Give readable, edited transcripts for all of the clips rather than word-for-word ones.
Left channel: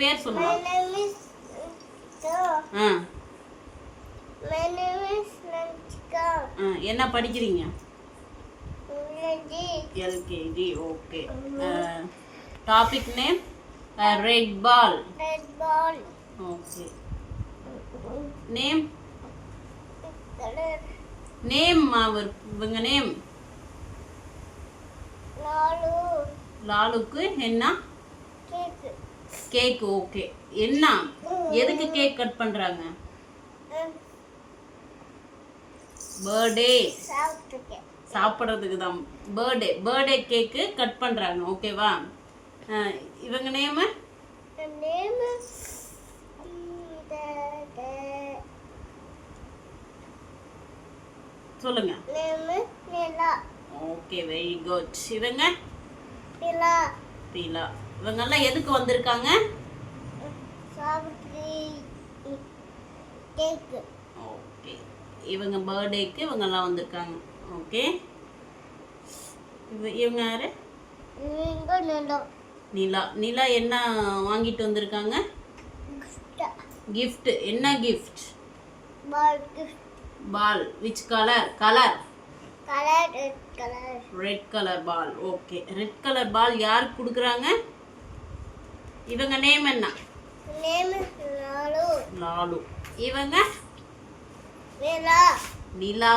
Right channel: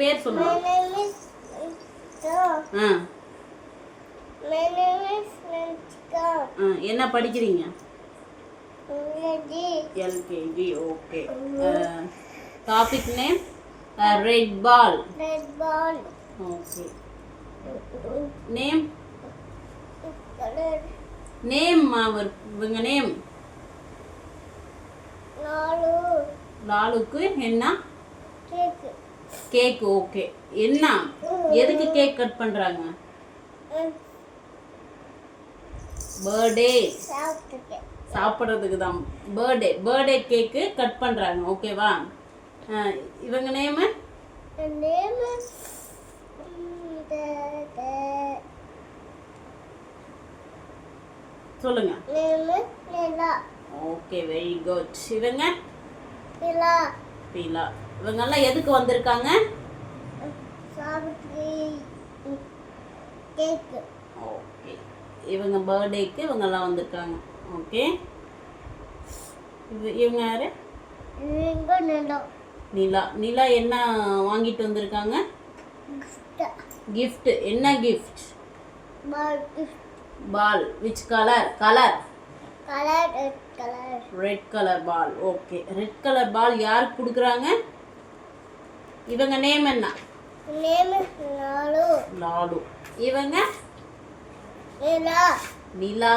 பேர் சொல்லுங்க. My name is Nitya. My name is Nanchika. என்ன படிக்கிறீங்க? LKG. LKG. Okay. Topic name red ball. Red ball. Okay. Name Color. Name இவங்க name Lalu. லாலுக்கு என்ன? Cake. Cake. Okay. என்ன எதுக்கு கேக் கட் பண்றாங்க? பர்த்டே. சாப்பிட்றதுக்கு தான். பர்த்டே கேக்கு கட் பண்றாங்க. ஓகேவா? இவங்க நேம் The name is சொல்லுங்க. name is Nila. Okay, very good. இவங்க Nila. பீலா. இவங்க எல்லாம் எதுக்கு வந்திருக்காங்க? Savitri. Cake. ஓகே. இவங்க பர்த்டேக்கு இவங்க எல்லாம் வந்திருக்காங்க. ஓகே. இவங்க யாரு? இவங்க நிலா. நிலா. நிலா என்ன வாங்கிட்டு வந்திருக்காங்க? கிஃப்ட். என்ன gift? Ball gift. Ball. Which colour? Colour red color. Red colour ball. Okay. Red colour ball யாருக்கு கொடுக்குறாங்க? இவங்க நேம் என்ன? Name is Lalu. லாலு. இவங்க நிலா. நிலா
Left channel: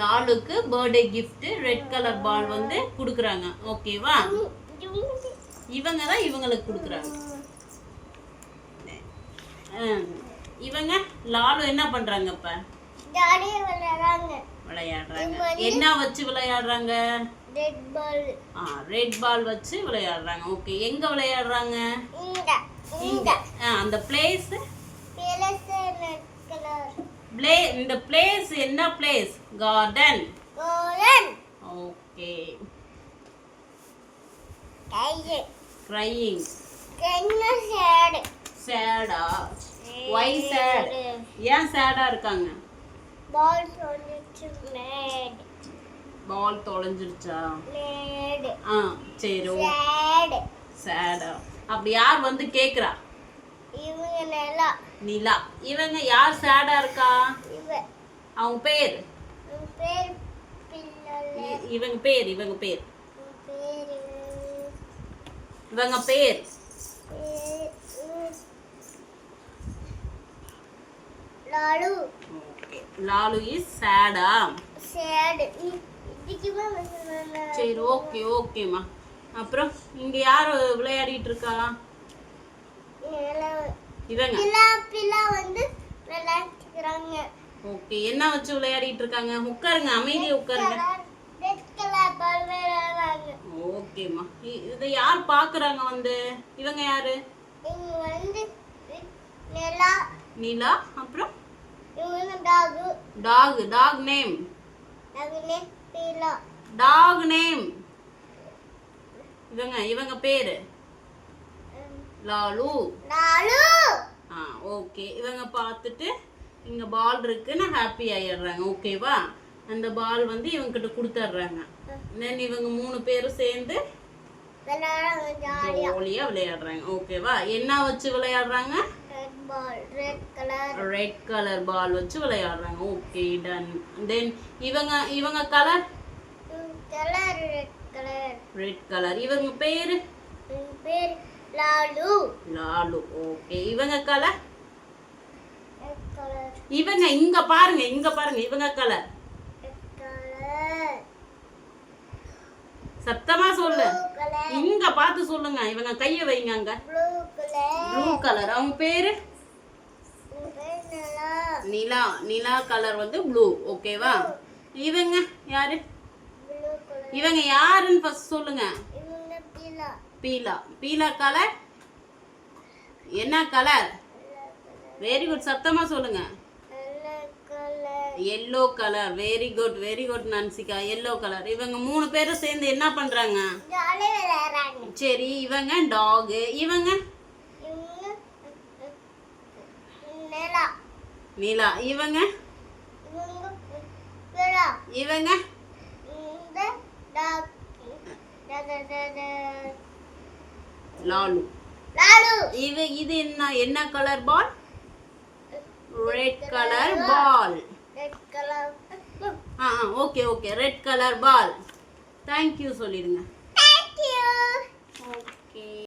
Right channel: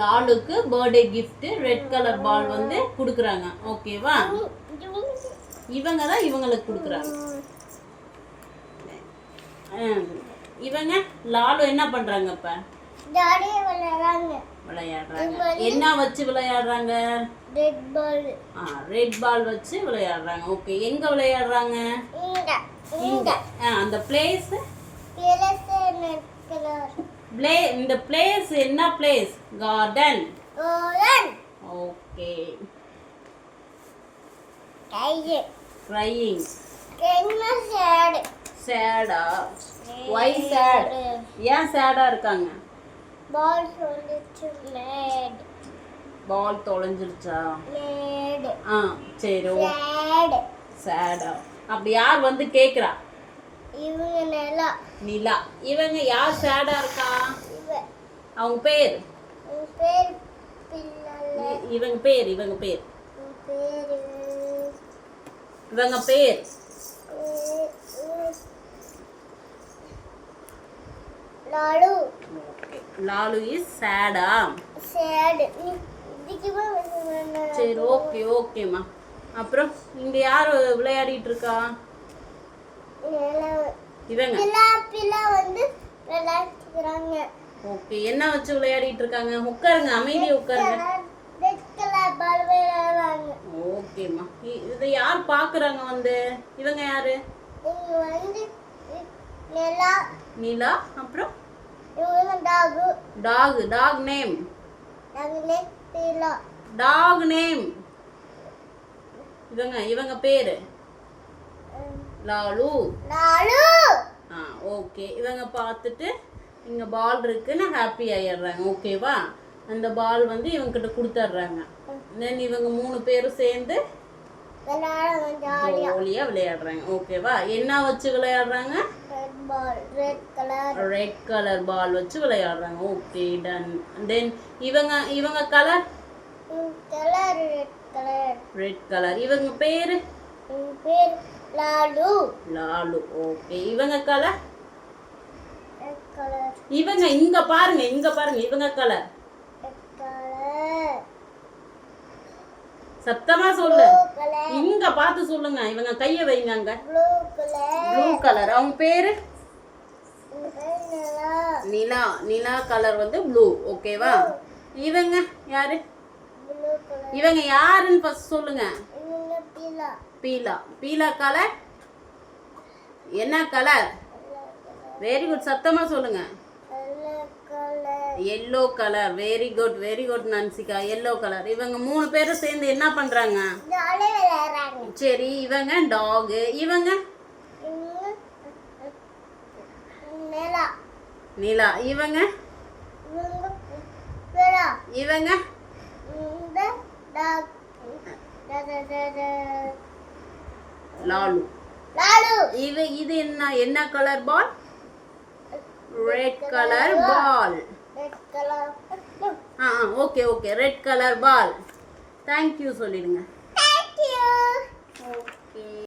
லாலுக்கு birthday gift red colour ball கொடுக்குறாங்க. ஓகேவா? இவங்க தான் இவங்களுக்கு கொடுக்குறாங்க. இவங்க லாலு என்ன பண்றாங்க? இப்ப ஜாலியா விளையாடுறாங்க. என்ன வச்சு விளையாடுறாங்க? ரெட் பால். ரெட் பால் வச்சு விளையாடுறாங்க. ஓகே. எங்க விளையாடுறாங்க? இங்க. அந்த பிளேஸ் ரெட் கலர். இந்த பிளேஸ் என்ன place? Garden. Okay. crying. Cheda? why sad? ஏன் சேடா இருக்காங்க? பால் தொலைஞ்சிருச்சு. பால் தொலைஞ்சிருச்சா? சரி. சேடா. அப்படி யார் கேக்குறா? இவங்க நிலா. நிலா. இவங்க யார் சேடா இருக்கா? அவங்க பேர்? இவங்க பேர் லாலு. லாலு இஸ் சேடா? சரி. ஓகேம்மா. அப்புறம் இங்க யார் விளையாடிட்டு இருக்கா? இவங்க விளையாடுறாங்க. ஓகே. என்ன வச்சு விளையாடிட்டு இருக்காங்க? உட்காருங்க, அமைதியா உட்காருங்க. ஓகேம்மா. இதை யார் பாக்குறாங்க? இவங்க யாரு? நிலா. அப்புறம் டாக் நேம்? Talk name. இவங்க பேரு? லாலு. ஓகே. இவங்க பார்த்துட்டு இங்க பால் இருக்குன்னு ஹாப்பி ஆயிடுறாங்க. ஓகேவா? அந்த பால் இவங்க கிட்ட கொடுத்துட்றாங்க. தென் இவங்க 3 பேரும் சேர்ந்து ஜாலியா விளையாடுறாங்க. ஓகேவா? என்ன வச்சு விளையாடுறாங்க? ரெட் கலர் பால் வச்சு விளையாடுறாங்க. Okay, ton. தென் இவங்க கலர்? Red colour. இவங்க பேரு? லாலு. ஓகே. இவங்க கலர்? இவங்க இங்க பாருங்க. இவங்க கலர்? சத்தமா சொல்லு. இங்க பார்த்து சொல்லுங்க. இவங்க கைய வைங்க. அங்க ப்ளூ கலர். அவங்க பேரு? நிலா. Nila colour blue. ஓகேவா? இவங்க யாரு? இவங்க யாருன்னு ஃபர்ஸ்ட் சொல்லுங்க. பீலா. பீலா கலர் என்ன கலர்? Very good. சத்தமா சொல்லுங்க. Yellow colour. Very good Nanshika. Yellow colour. இவங்க 3 பேரும் சேர்ந்து என்ன பண்றாங்க? சரி. இவங்க டாக். இவங்க நிலா. இவங்க லாலு. லாலு இது என்ன colour ball? Red colour ball. Red colour okay red colour ball. Thank you சொல்லிடுங்க. Thank you okay.